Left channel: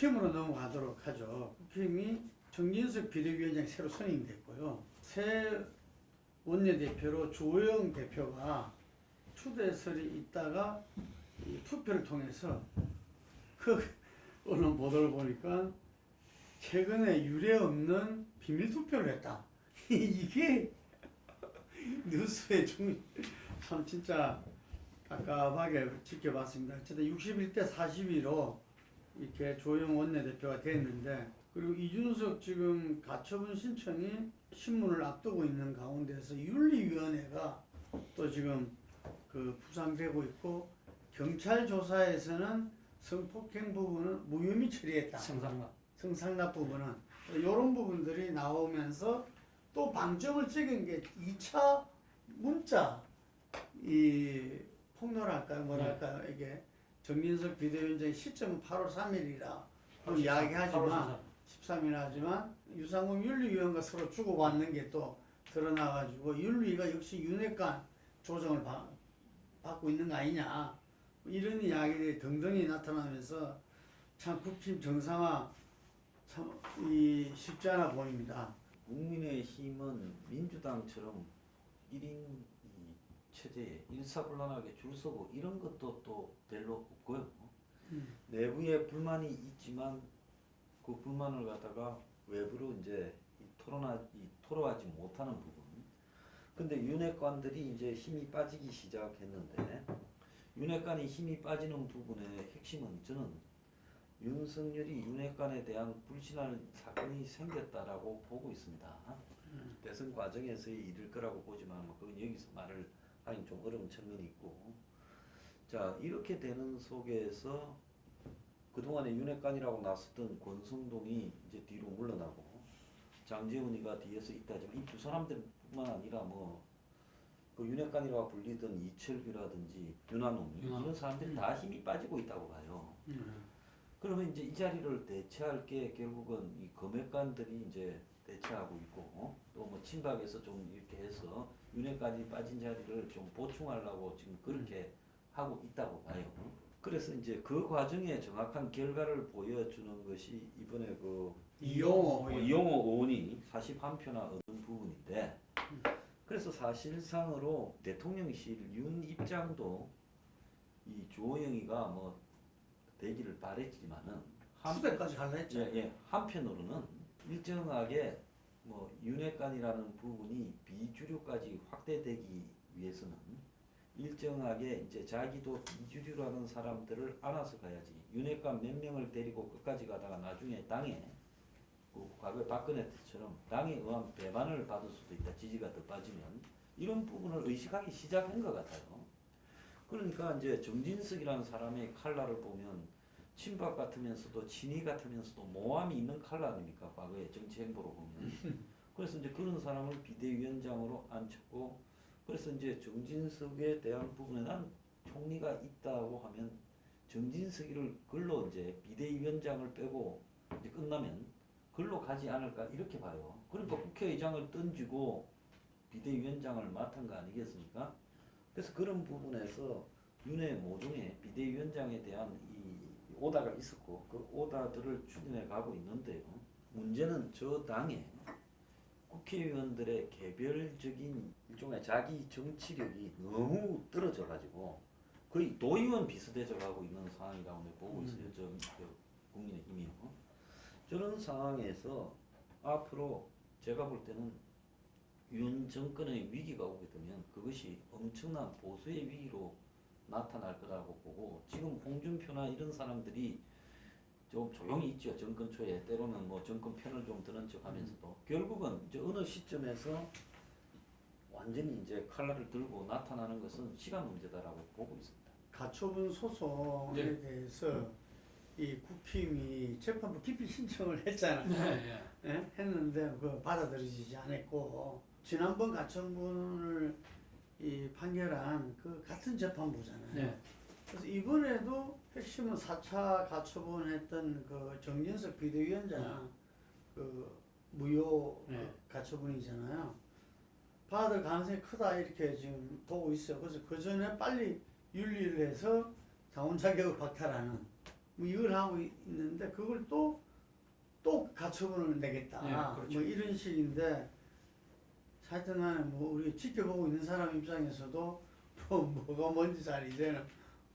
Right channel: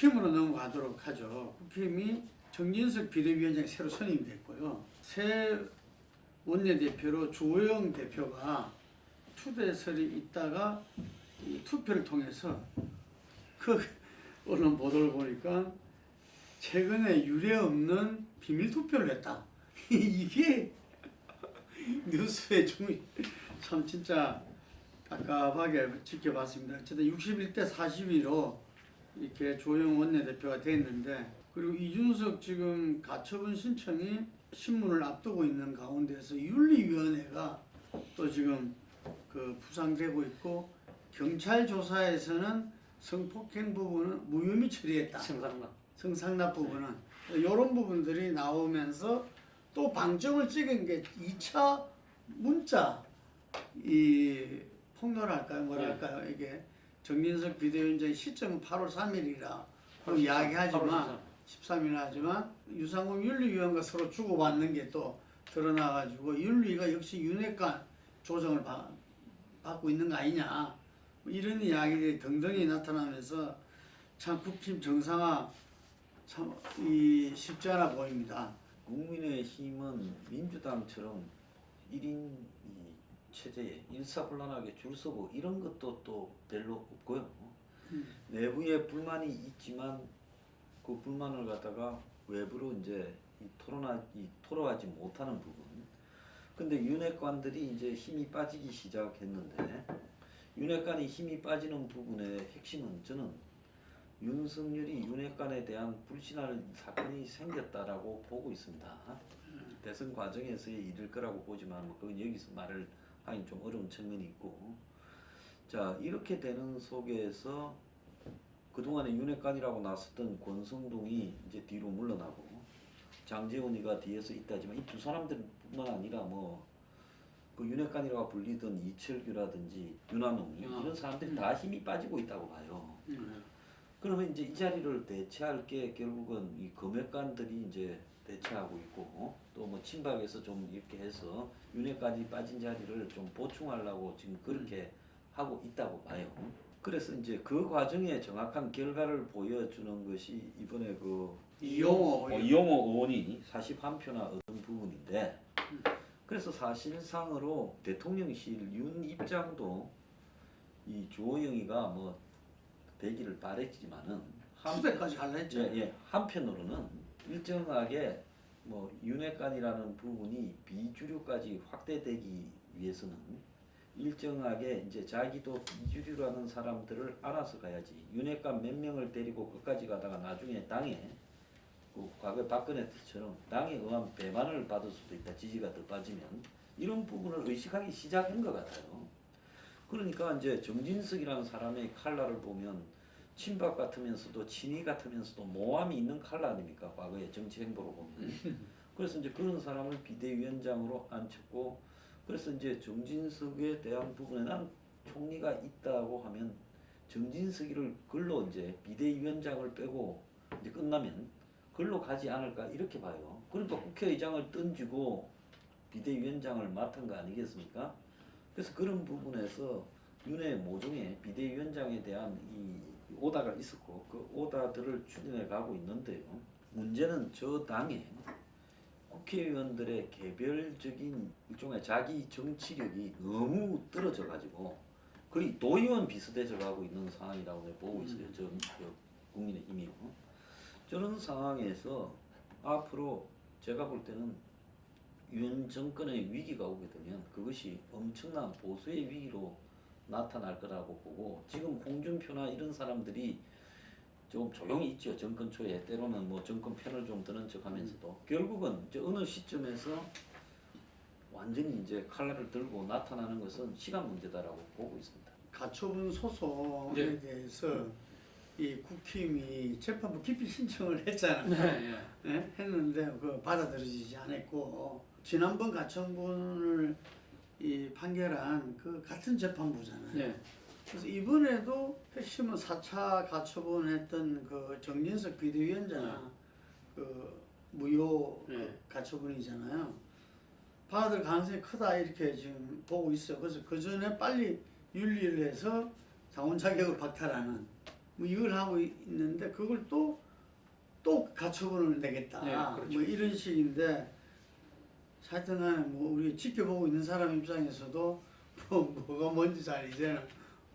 국힘으로 넘어가도록 하죠. 국힘이 정진석 비대위원장이 새로 선임이 됐고요. 새 원내대표로 주호영 대표가 추대설이 있다가 이 투표를 통해서 그 언론 보도를 보니까 최근에 유례 없는 비밀 투표를 했다. 이게 뉴스에 참 진짜 깝깝하게 지켜봤습니다. 어쨌든 61대 42로 이렇게 조영 원내대표가 됐는데, 그리고 이준석 지금 가처분 신청이 신문을 앞두고 있는 가운데서 윤리위원회가 또 지금 그 부상되고 있고, 경찰 조사에서는 성폭행 부분은 무혐의 처리했다. 성상납 부분은 이런 부분들이 나오면서 또 방점을 찍은 게 2차 문자 이 폭로랄까요, 뭐랄까요, 이게 정진석 비대위원장의 시점은 8월 3일이라 이야기하지만 13일 하지만 유상공 윤리위원과 서로 주고받는 게 또 드러나가지고 윤리가 역시 윤핵관 조정을 받고 있는 거 아니냐, 이런 이야기들이 등등이 나타나면서 참 국힘 정상화 참 쉽지 않아 보입니다. 국민의힘은 민주당처럼 1인 체제에 일사불란하게 줄 서고 이런 것도 또 별로 없고요. 내부에 불만이 있지만 그 불만을 갖다가 외부로 이제 토로하지 못하는 부분. 근데 윤핵관들이 이제 힘이 빠지기 시작했는데, 윤핵관이 힘이 빠지는 부분의 핵심은 저는 윤석열이 윤핵관에 대한 불신할 사건이 생겼다라고 보고 있습니다. 대선 과정에서의 일일 거라고 보지만 그건 여기서 말을 하긴 좀 어려운 측면이 있고, 자 이렇게 되는 속에서 그동안에 윤핵관이라고 나섰던 권성동이 이제 뒤로 물러나고 장제원이가 뒤에서 있다지만 이 두 사람들뿐만 아니라 그 윤핵관이라고 불리던 이철규라든지 윤한홍 이런 사람들이 다 힘이 빠지고 있다고 봐요. 그러면 이제 이 자리를 대체할 게 결국은 이 검핵관들이 이제 대체하고 있고, 또 뭐 친박에서 좀 이렇게 해서 윤핵관이 빠진 자리를 좀 보충하려고 지금 그렇게 하고 있다고 봐요. 그래서 이제 그 과정에 정확한 결과를 보여주는 것이 이번에 그 이용호 의원이 41표나 얻은 부분인데, 그래서 사실상으로 대통령실 윤 입장도 이 주호영이가 되기를 바랬지만은 수배까지 할라 했죠. 한편으로는 일정하게 윤핵관이라는 부분이 비주류까지 확대되기 위해서는 일정하게 이제 자기도 비주류라는 사람들을 안아서 가야지, 윤핵관 몇 명을 데리고 끝까지 가다가 나중에 당에 과거 박근혜 때처럼 당에 의한 배반을 받을 수도 있다, 지지가 더 빠지면, 이런 부분을 의식하기 시작한 것 같아요. 그러니까 이제 정진석이라는 사람의 칼라를 보면 친박 같으면서도 친이 같으면서도 모함이 있는 칼라 아닙니까, 과거의 정치 행보로 보면. 그래서 이제 그런 사람을 비대위원장으로 앉혔고, 그래서 이제 정진석에 대한 부분에 난 총리가 있다고 하면 정진석이를 글로 이제 비대위원장을 빼고 이제 끝나면 글로 가지 않을까 이렇게 봐요. 그러니까 국회의장을 던지고 비대위원장을 맡은 거 아니겠습니까? 그래서 그런 부분에서 윤회 모종의 비대위원장에 대한 이 오다가 있었고 그 오다들을 추진해 가고 있는데요. 문제는 저 당에 국회의원들의 개별적인 일종의 자기 정치력이 너무 떨어져 가지고 거의 도의원 비슷해져 가고 있는 상황이라고 보고 있어요. 저 국민의힘이요. 저런 상황에서 앞으로 제가 볼 때는 윤 정권의 위기가 오게 되면 그것이 엄청난 보수의 위기로 나타날 거라고 보고, 지금 홍준표나 이런 사람들이 좀 조용히 있죠. 정권 초에 때로는 정권 편을 좀 드는 척하면서도 결국은 이제 어느 시점에서 완전히 이제 칼날을 들고 나타나는 것은 시간 문제다라고 보고 있습니다. 가처분 소송에 대해서 이 국힘이 재판부 기피 신청을 했잖아요. 했는데 그 받아들여지지 않았고, 지난번 가처분을 판결한 그 같은 재판부잖아요. 그래서 이번에도 핵심은 4차 가처분했던 그 정진석 비대위원장 그 무효 가처분이잖아요. 받을 가능성이 크다 이렇게 지금 보고 있어요. 그래서 그 전에 빨리 윤리를 해서 자원 자격을 박탈하는 뭐 이걸 하고 있는데 그걸 또 가처분을 내겠다. 네, 그렇죠. 뭐 이런 식인데 하여튼간에 뭐 우리 지켜보고 있는 사람 입장에서도 뭐가 뭔지 잘 이제는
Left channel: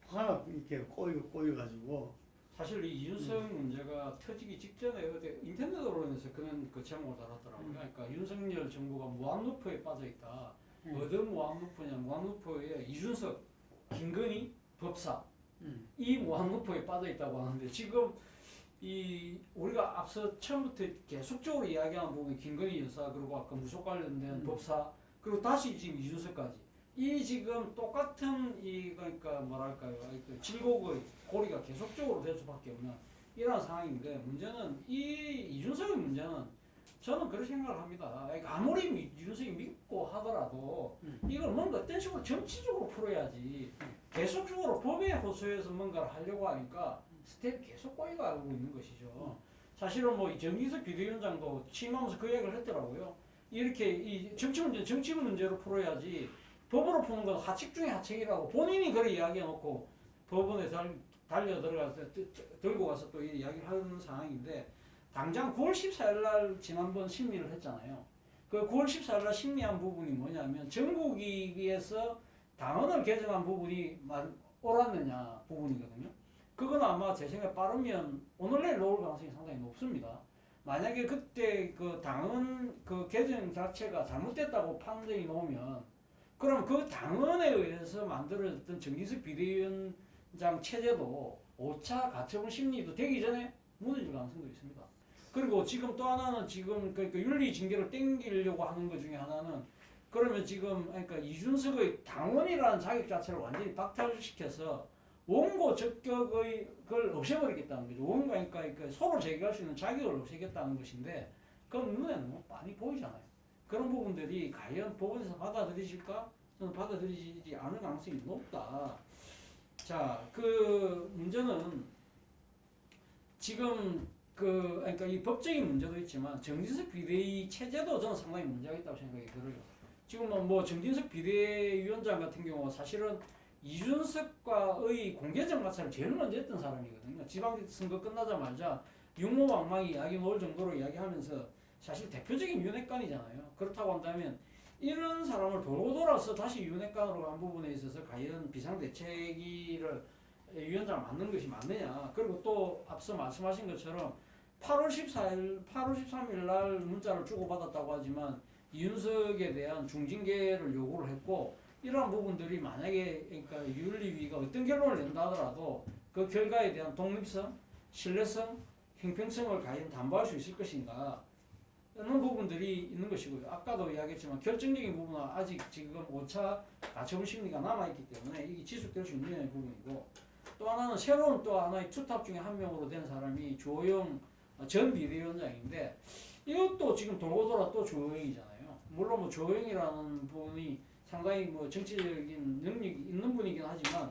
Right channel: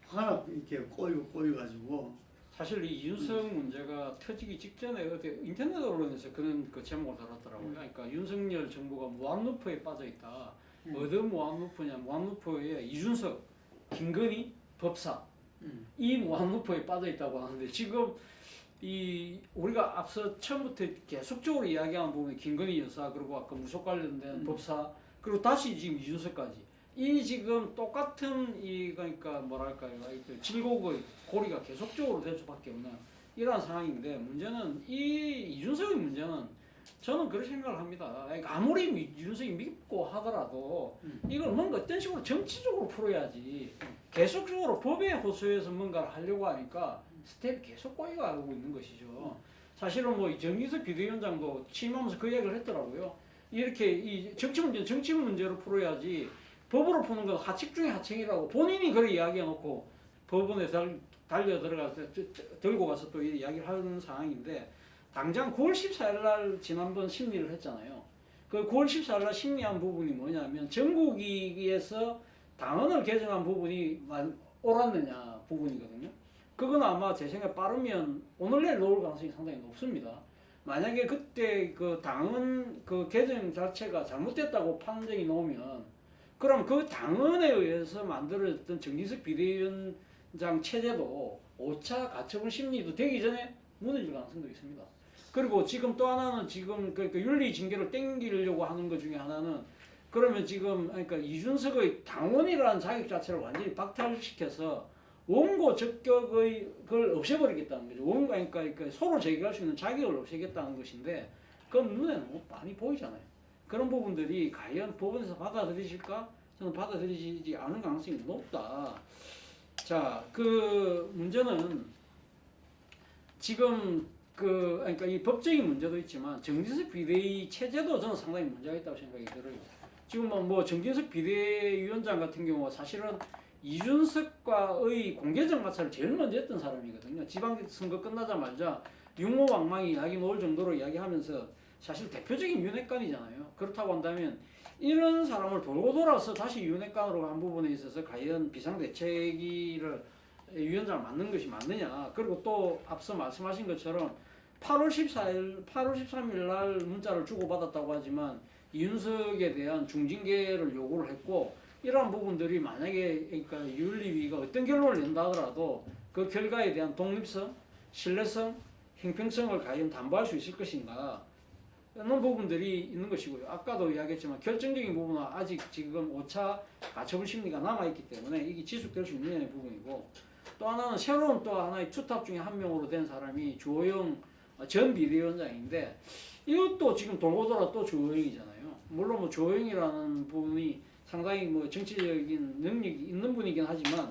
하나 이렇게 꼬여가지고 사실 이 이준석 문제가 터지기 직전에 어디 인터넷 언론에서 그런 그 제목을 달았더라고요. 그러니까 윤석열 정부가 무한루프에 빠져 있다. 어떤 무한루프냐? 무한루프에 이준석, 김건희, 법사 이 무한루프에 빠져 있다고 하는데 지금 이 우리가 앞서 처음부터 계속적으로 이야기한 부분이 김건희 여사 그리고 아까 무속 관련된 법사 그리고 다시 지금 이준석까지 이 지금 똑같은 이 그러니까 뭐랄까요 그 질곡의 고리가 계속적으로 될 수밖에 없는 이러한 상황인데 문제는 이 이준석의 문제는 저는 그런 생각을 합니다. 그러니까 아무리 이준석이 믿고 하더라도 이걸 뭔가 어떤 식으로 정치적으로 풀어야지 계속적으로 법에 호소해서 뭔가를 하려고 하니까 스텝이 계속 꼬여가고 있는 것이죠. 사실은 뭐 정기석 비대위원장도 취임하면서 그 이야기를 했더라고요. 이렇게 이 정치 문제는 정치 문제로 풀어야지 법으로 푸는 건 하책 중에 하책이라고 본인이 그렇게 이야기해놓고 법원에 달려 들어가서 들고 가서 또 이야기를 하는 상황인데 당장 9월 14일 날 지난번 심리를 했잖아요. 그 9월 14일 날 심리한 부분이 뭐냐면 전국위에서 당헌을 개정한 부분이 옳았느냐 부분이거든요. 그건 아마 제 생각에 빠르면 오늘 내일 나올 가능성이 상당히 높습니다. 만약에 그때 그 당헌 그 개정 자체가 잘못됐다고 판정이 나오면 그럼 그 당헌에 의해서 만들어졌던 정기석 비대위원장 체제도 5차 가처분 심리도 되기 전에 무너질 가능성도 있습니다. 그리고 지금 또 하나는 지금 그 윤리 징계를 땡기려고 하는 것 중에 하나는 그러면 지금 그러니까 이준석의 당원이라는 자격 자체를 완전히 박탈시켜서 원고 적격의 걸 없애버리겠다는 거죠. 원고 그러니까 서로 제기할 수 있는 자격을 없애겠다는 것인데 그건 눈에 너무 많이 보이잖아요. 그런 부분들이 과연 법원에서 받아들이실까? 저는 받아들이지 않을 가능성이 높다. 자, 그 문제는 지금 그러니까 이 법적인 문제도 있지만 정진석 비대위 체제도 저는 상당히 문제가 있다고 생각이 들어요. 지금 뭐 정진석 비대위원장 같은 경우 사실은 이준석과의 공개적 마찰을 제일 먼저 했던 사람이거든요. 지방선거 끝나자마자 육모왕망이 이야기 나올 정도로 이야기하면서 사실 대표적인 윤핵관이잖아요. 그렇다고 한다면 이런 사람을 돌고 돌아서 다시 윤핵관으로 한 부분에 있어서 과연 비상대책위를 위원장을 맡는 것이 맞느냐. 그리고 또 앞서 말씀하신 것처럼 8월 13일 날 문자를 주고받았다고 하지만 이준석에 대한 중징계를 요구를 했고 이러한 부분들이 만약에 그러니까 윤리위가 어떤 결론을 낸다 하더라도 그 결과에 대한 독립성, 신뢰성, 형평성을 과연 담보할 수 있을 것인가 이런 부분들이 있는 것이고요. 아까도 이야기했지만 결정적인 부분은 아직 지금 5차 가처분 심리가 남아있기 때문에 이게 지속될 수 있느냐의 부분이고 또 하나는 새로운 또 하나의 투탑 중에 한 명으로 된 사람이 주호영 전 비대위원장인데 이것도 지금 돌고 돌아 또 주호영이잖아요. 물론 뭐 주호영이라는 분이 상당히 뭐 정치적인 능력이 있는 분이긴 하지만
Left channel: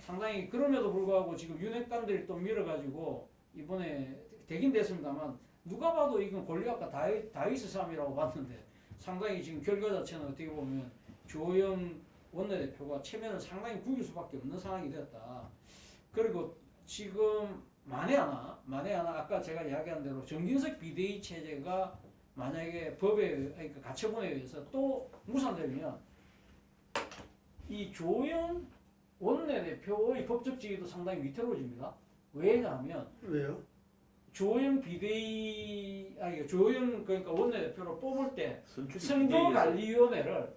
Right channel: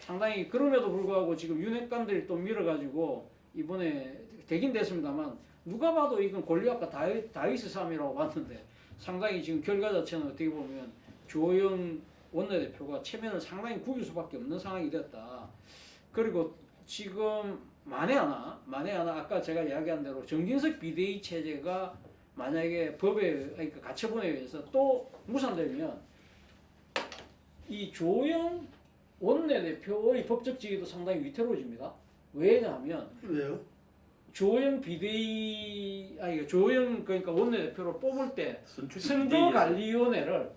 상당히 그럼에도 불구하고 지금 윤핵관들이 또 밀어가지고 이번에 되긴 됐습니다만 누가 봐도 이건 골리앗과 다윗의 싸움이라고 봤는데 상당히 지금 결과 자체는 어떻게 보면 주호영 원내대표가 체면을 상당히 구길 수밖에 없는 상황이 됐다. 그리고 지금 만에 하나 아까 제가 이야기한 대로 정진석 비대위 체제가 만약에 법에 그러니까 가처분에 의해서 또 무산되면 이 조영 원내대표의 법적 지위도 상당히 위태로워집니다. 왜냐하면 왜요? 조영 조영 그러니까 원내대표를 뽑을 때 선거관리위원회를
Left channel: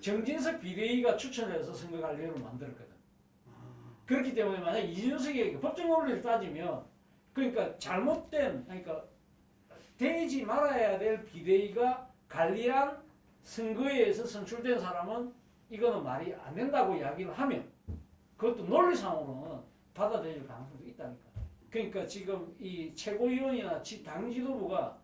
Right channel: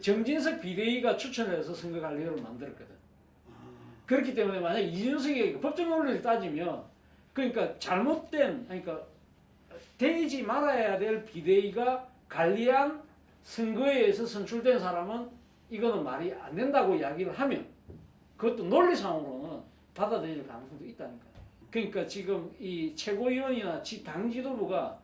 정진석 비대위가 추천해서 선거관리위원회를 만들었거든. 그렇기 때문에 만약 이준석이 법적 논리를 따지면 그러니까 잘못된 그러니까 되지 말아야 될 비대위가 관리한 선거에 의해서 선출된 사람은 이거는 말이 안 된다고 이야기를 하면 그것도 논리상으로는 받아들일 가능성도 있다니까요. 그러니까 지금 이 최고위원이나 당 지도부가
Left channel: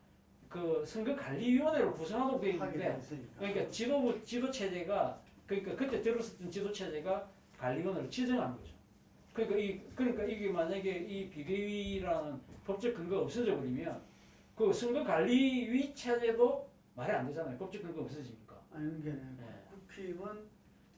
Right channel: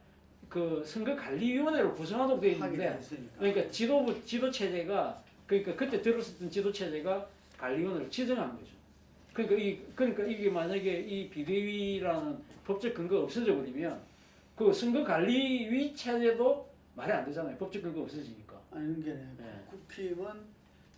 그 선거관리위원회를 구성하도록 되어 있는데 그러니까 지도 체제가 그러니까 그때 들었었던 지도 체제가 관리위원회를 지정한 거죠. 그러니까 이게 만약에 이 비대위라는 법적 근거가 없어져 버리면 그 선거관리위 체제도 말이 안 되잖아요. 법적 근거 없어지니까. 아니 그게 국힘은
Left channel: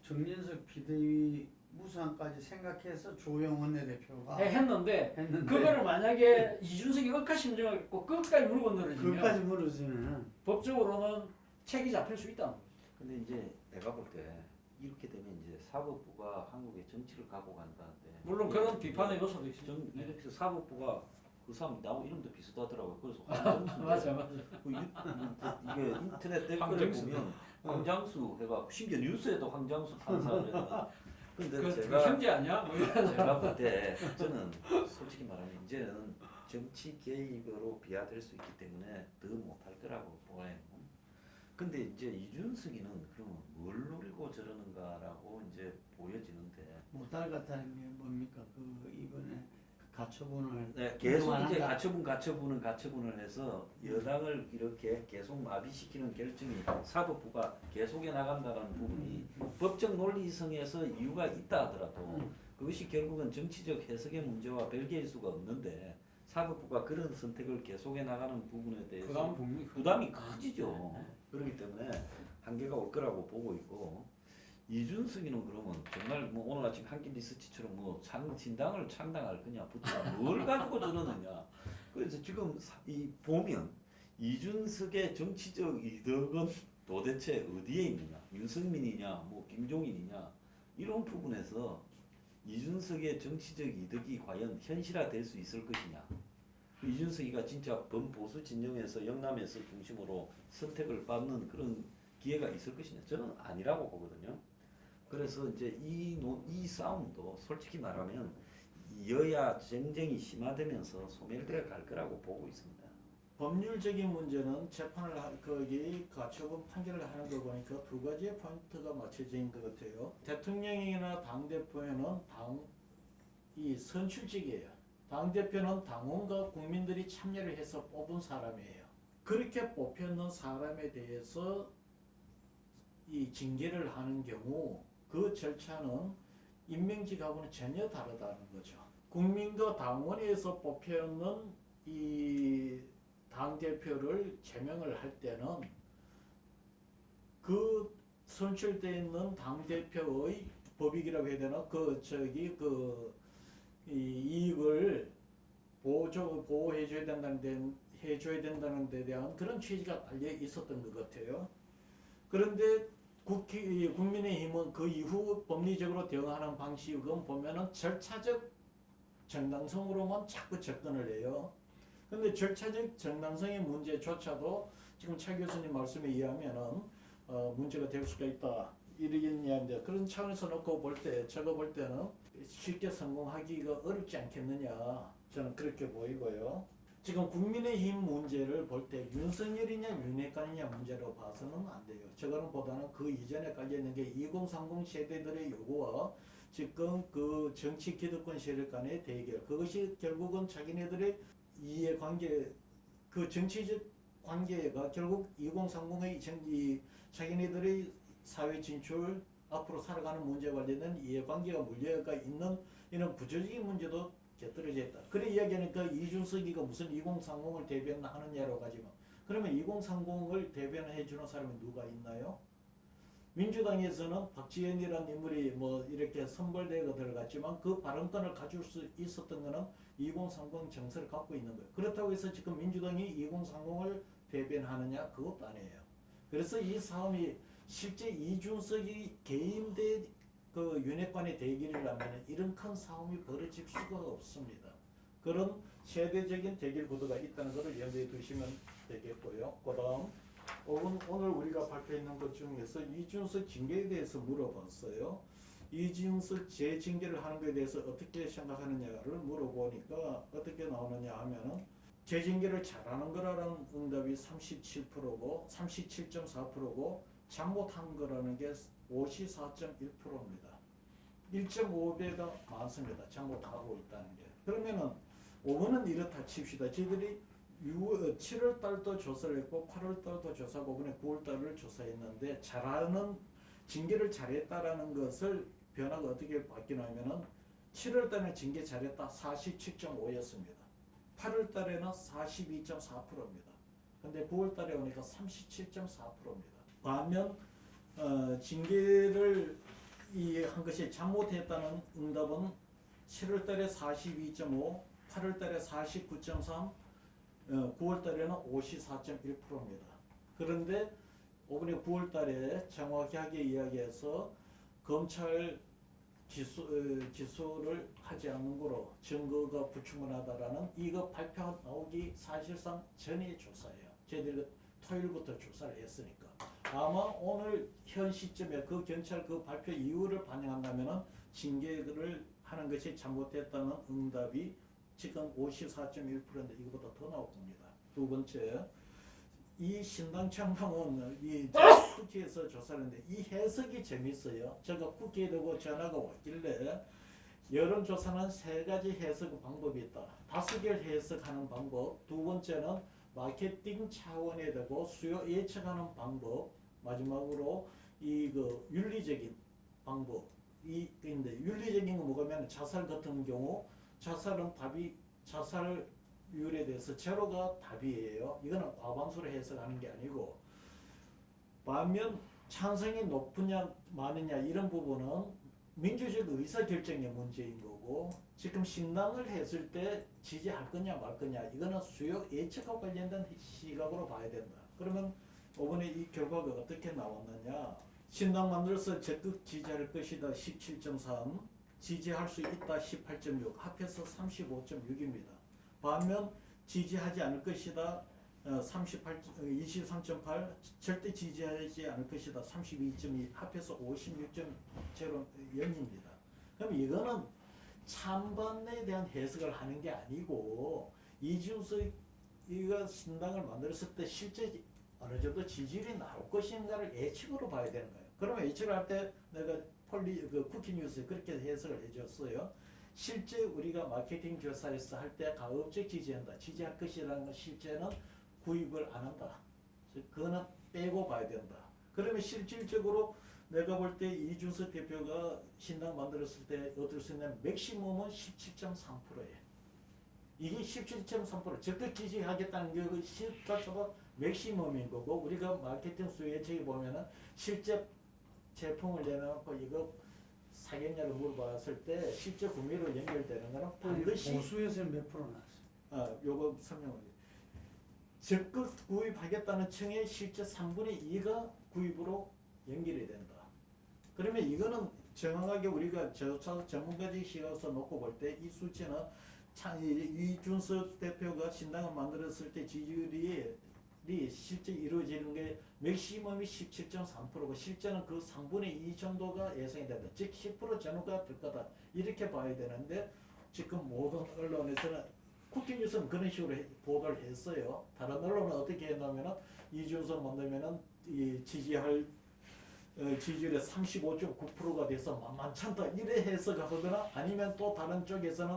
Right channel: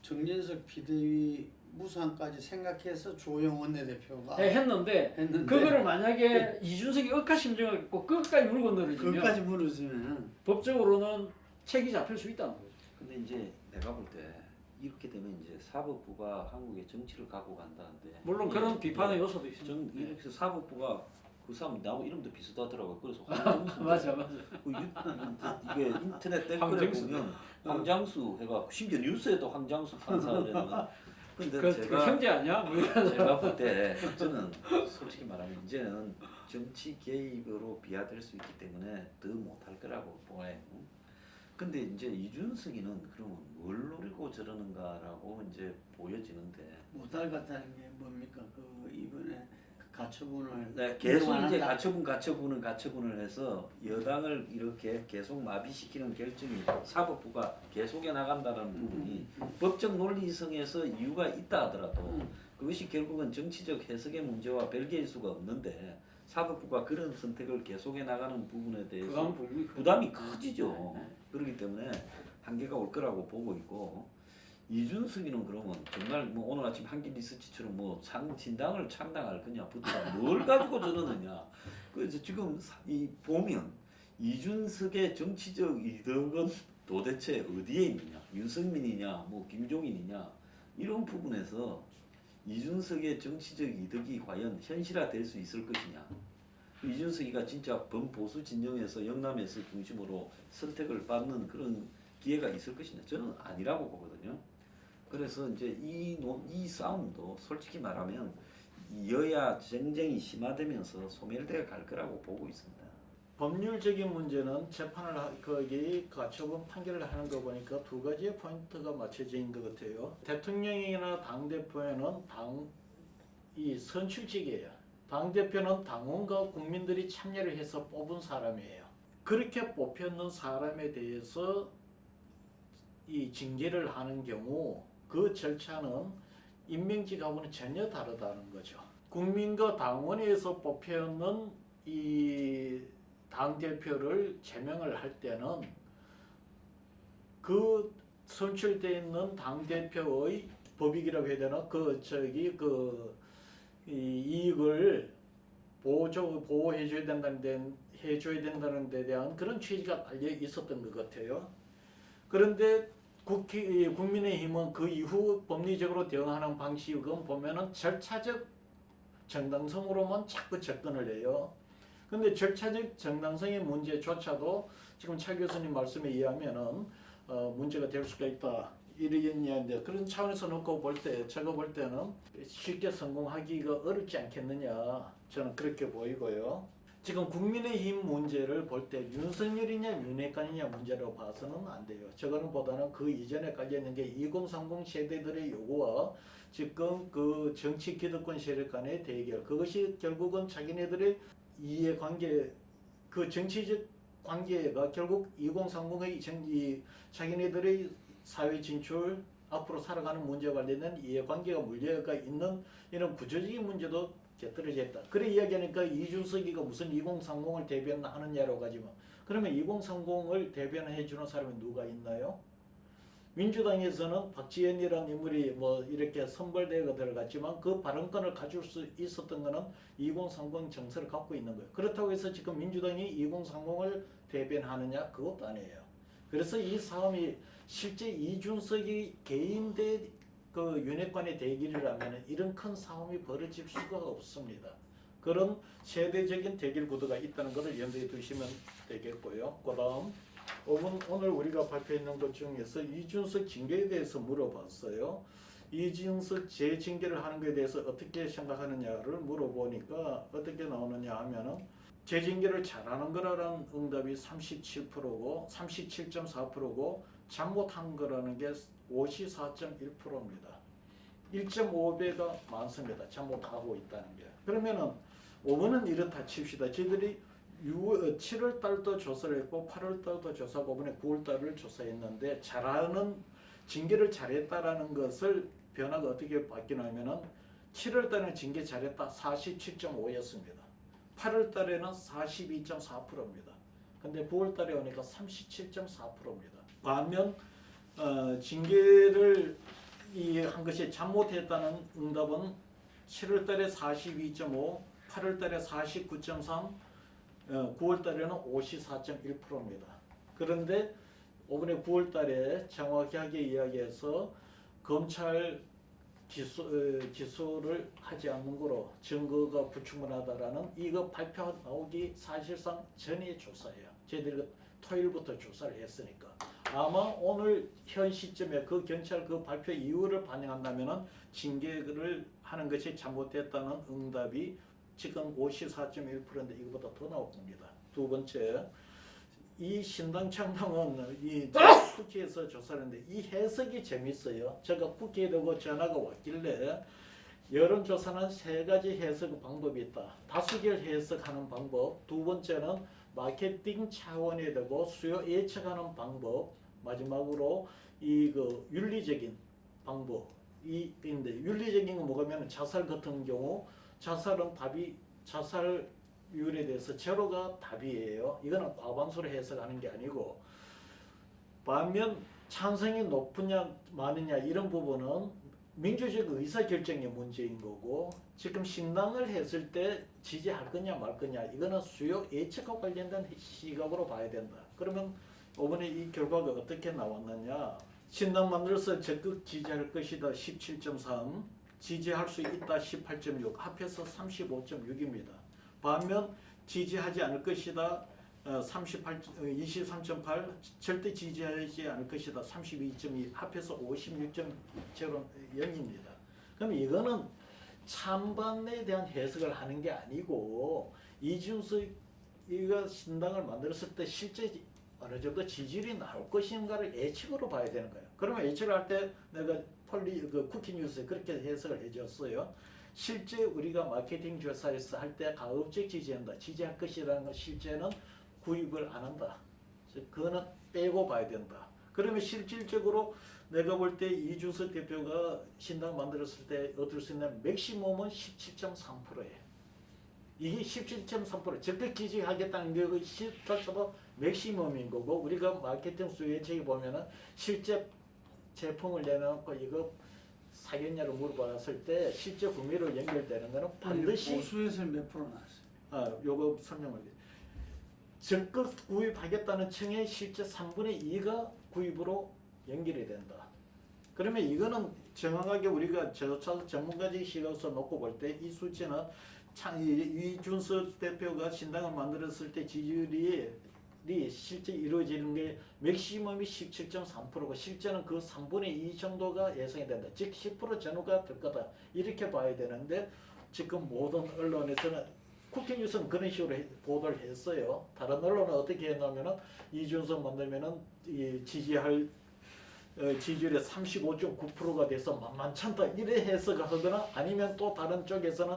정진석 비대위 무상까지 생각해서 주호영 원내대표가 했는데 그거를 만약에 이준석이 억하심정을 갖고 끝까지 물고 늘어지면 그것까지 물어주면은 법적으로는 책이 잡힐 수 있다는 거죠. 근데 이제 내가 볼 때 이렇게 되면 이제 사법부가 한국의 정치를 갖고 간다는데 물론 그런 비판의 요소도 있습니다. 전 네. 이렇게 사법부가 그 사람 나하고 이름도 비슷하더라고요. 그래서 황정수 맞아. 이게 인터넷 댓글에 황정수. 보면 황장수 해가 심지어 뉴스에도 황장수 판사라는. 근데 그 제가 형제 아니야? 뭐 이런. 제가 볼 때 저는 솔직히 말하면 이제는 정치 개입으로 비하될 수 있기 때문에 더 못할 거라고 보여요. 근데 이제 이준석이는 그러면 뭘 노리고 저러는가라고 이제 보여지는데 못할 것 같다는 게 뭡니까? 그 이번에 그 가처분을 네, 계속 이제 인정한다. 가처분을 해서 여당을 이렇게 계속 마비시키는 결정이 사법부가 계속해 나간다는 부분이 법적 논리성에서 이유가 있다 하더라도 그것이 결국은 정치적 해석의 문제와 별개일 수가 없는데 사법부가 그런 선택을 계속해 나가는 부분에 대해서 부담이 커지죠. 그렇기 때문에 한계가 올 거라고 보고 있고 이준석이는 그러면 정말 뭐 오늘 아침 한길 리서치처럼 뭐 진당을 창당할 거냐부터 뭘 가지고 저러느냐. 그래서 지금 이 보면 이준석의 정치적 이득은 도대체 어디에 있느냐. 유승민이냐 뭐 김종인이냐 이런 부분에서 이준석의 정치적 이득이 과연 현실화될 수 있을 것이냐. 이준석이가 진짜 범보수 진영에서 영남에서 중심으로 선택을 받는 그런 기회가 있을 것이냐. 저는 아니라고 보거든요. 그래서 이제 이 싸움도 솔직히 말하면 여야 정쟁이 심화되면서 소멸되어 갈 거라고 보고 있습니다. 법률적인 문제는 거기 가처분 판결을 하는 거 보니까 두 가지의 포인트가 맞춰져 있는 것 같아요. 대통령이나 당 대표에는 이 선출직이에요. 당 대표는 당원과 국민들이 참여를 해서 뽑은 사람이에요. 그렇게 뽑혔는 사람에 대해서 이 징계를 하는 경우 그 절차는 임명직하고는 전혀 다르다는 거죠. 국민과 당원에서 뽑혀있는 이 당대표를 제명을 할 때는 그 선출되어 있는 당대표의 법익이라고 해야 되나? 이익을 보호해줘야 된다는 데 대한 그런 취지가 달려 있었던 것 같아요. 그런데 국민의힘은 그 이후 법리적으로 대응하는 방식은 보면은 절차적 정당성으로만 자꾸 접근을 해요. 근데 절차적 정당성의 문제조차도 지금 차 교수님 말씀에 의하면은 문제가 될 수가 있다. 이러겠냐는데 그런 차원에서 놓고 볼 때 제가 볼 때는 쉽게 성공하기가 어렵지 않겠느냐 저는 그렇게 보이고요. 지금 국민의힘 문제를 볼 때 윤석열이냐 윤핵관이냐 문제라고 봐서는 안 돼요. 저거는 보다는 그 이전에 깔려있는 게 2030 세대들의 요구와 지금 그 정치 기득권 세력 간의 대결 그것이 결국은 자기네들의 이해관계 그 정치적 관계가 결국 2030의 자기네들의 사회 진출 앞으로 살아가는 문제와 관련된 이해관계가 물려가 있는 이런 구조적인 문제도 떨어져 있다. 그래 이야기하니까 이준석이가 무슨 2030을 대변하느냐라고 하지만 그러면 2030을 대변해 주는 사람이 누가 있나요? 민주당에서는 박지원이라는 인물이 뭐 이렇게 선발대회가 들어갔지만 그 발언권을 가질 수 있었던 거는 2030 정서를 갖고 있는 거예요. 그렇다고 해서 지금 민주당이 2030을 대변하느냐? 그것도 아니에요. 그래서 이 싸움이 실제 이준석이 개인 대 그 윤핵관의 대결이라면 이런 큰 싸움이 벌어질 수가 없습니다. 그런 세대적인 대결 구도가 있다는 것을 염두에 두시면 되겠고요. 그다음 오늘 우리가 발표했는 것 중에서 이준석 징계에 대해서 물어봤어요. 이준석 재징계를 하는 것에 대해서 어떻게 생각하느냐를 물어보니까 어떻게 나오느냐 하면은 재징계를 잘하는 거라는 응답이 37%고 37.4%고 잘못한 거라는 게 54.1%입니다. 1.5배가 많습니다. 잘못하고 있다는 게. 그러면은 5번은 이렇다 칩시다. 저희들이 7월 달도 조사를 했고 8월 달도 조사하고 이번에 9월 달을 조사했는데 잘하는 징계를 잘했다라는 것을 변화가 어떻게 바뀌냐면은 7월 달에 징계 잘했다 47.5였습니다. 8월 달에는 42.4%입니다. 근데 9월 달에 오니까 37.4%입니다. 반면 징계를 한 것이 잘못했다는 응답은 7월달에 42.5, 8월달에 49.3, 9월달에는 54.1%입니다. 그런데 이번에 9월달에 정확하게 이야기해서 검찰 기소를 하지 않는 거로 증거가 불충분하다라는 이거 발표 나오기 사실상 전의 조사예요. 저희들이 토요일부터 조사를 했으니까 아마 오늘 현 시점에 그 경찰 그 발표 이유를 반영한다면은 징계를 하는 것이 잘못됐다는 응답이 지금 54.1%인데 이거보다 더 나올 겁니다. 두 번째, 이 신당 창당은 이 국회에서 조사하는데 이 해석이 재밌어요. 제가 국회에 두고 전화가 왔길래 여론조사는 세 가지 해석 방법이 있다. 다수결 해석하는 방법, 두 번째는 마케팅 차원에 두고 수요 예측하는 방법, 마지막으로 윤리적인 방법. 근데 윤리적인 건 뭐냐면 자살 같은 경우 자살은 답이 자살률에 대해서 제로가 답이에요. 이거는 과반수로 해석하는 게 아니고 반면 찬성이 높으냐 많으냐 이런 부분은 민주적 의사결정의 문제인 거고 지금 신당을 했을 때 지지할 거냐 말 거냐 이거는 수요 예측과 관련된 시각으로 봐야 된다. 그러면 이번에 이 결과가 어떻게 나왔느냐. 신당 만들어서 적극 지지할 것이다 17.3, 지지할 수 있다 18.6, 합해서 35.6입니다. 반면 지지하지 않을 것이다 23.8, 절대 지지하지 않을 것이다 32.2, 합해서 56.0입니다. 그럼 이거는 찬반에 대한 해석을 하는 게 아니고 이준석이가 신당을 만들었을 때 실제 어느 정도 지지율이 나올 것인가를 예측으로 봐야 되는 거예요. 그러면 예측을 할 때 내가 쿠키뉴스에 그렇게 해석을 해줬어요. 실제 우리가 마케팅 조사에서 할 때 가급적 지지한다, 지지할 것이라는 건 실제는 구입을 안 한다. 그거는 빼고 봐야 된다. 그러면 실질적으로 내가 볼 때 이준석 대표가 신당 만들었을 때 얻을 수 있는 맥시멈은 17.3%예요. 이게 17.3% 적극 지지하겠다는 것이 자체가 맥시멈인 거고 우리가 마케팅 수요 예측에 보면은 실제 제품을 내놓고 이거 사겠냐고 물어봤을 때 실제 구매로 연결되는 거는 반드시 보수에서는 몇 프로 나왔어요? 요거 설명을 적극 구입하겠다는 층의 실제 3분의 2가 구입으로 연결이 된다. 그러면 이거는 정확하게 우리가 저차 전문가적 시각에서 놓고 볼 때 이 수치는 이준석 대표가 신당을 만들었을 때 지지율이 실제 이루어지는 게 맥시멈이 17.3%고 실제는 그 3분의 2 정도가 예상이 된다. 즉 10% 전후가 될 거다. 이렇게 봐야 되는데 지금 모든 언론에서는 쿠키뉴스는 그런 식으로 보도를 했어요. 다른 언론은 어떻게 했냐면은 이준석 만들면은 이 지지율이 35.9%가 돼서 만만찮다 이래 해석하거나 아니면 또 다른 쪽에서는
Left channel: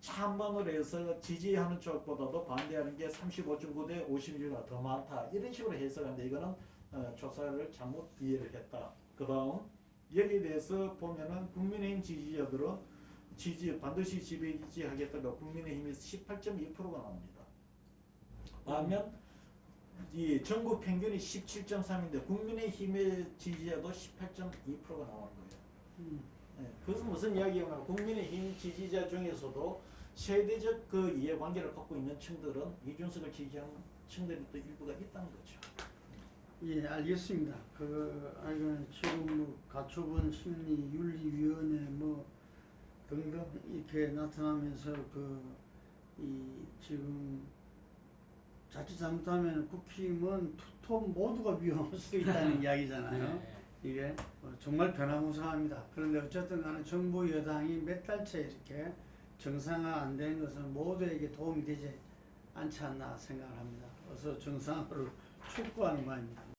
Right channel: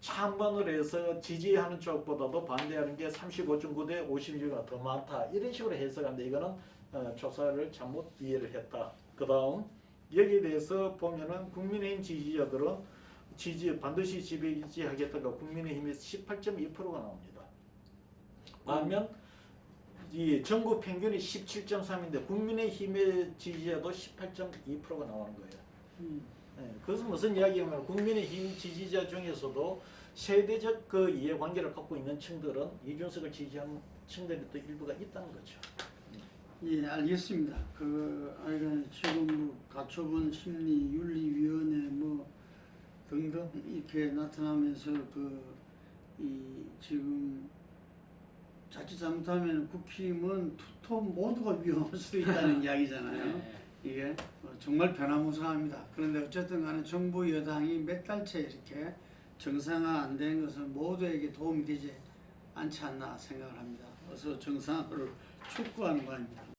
찬반으로 해서 지지하는 쪽보다도 반대하는 게 35.9 대 56가 더 많다 이런 식으로 해석하는데 이거는 조사를 잘못 이해를 했다. 그 다음 여기에 대해서 보면은 국민의힘 지지자들은 반드시 지지하겠다가 국민의힘이 18.2%가 나옵니다. 반면 이 전국 평균이 17.3인데 국민의힘의 지지자도 18.2%가 나오는 거예요. 그것은 무슨 이야기냐면 국민의힘 지지자 중에서도 세대적 그 이해관계를 갖고 있는 층들은 이준석을 지지하는 층들이 또 일부가 있다는 거죠. 예, 알겠습니다. 지금 가처분 심리 윤리위원회 뭐 등등 이렇게 나타나면서 지금 자칫 잘못하면 국힘은 투톱 모두가 위험할 수 있다는 이야기잖아요. 이게 정말 변화무쌍합니다. 그런데 어쨌든 간에 정부 여당이 몇 달째 이렇게 정상화 안 된 것은 모두에게 도움이 되지 않지 않나 생각을 합니다. 어서 정상화를 촉구하는 바입니다.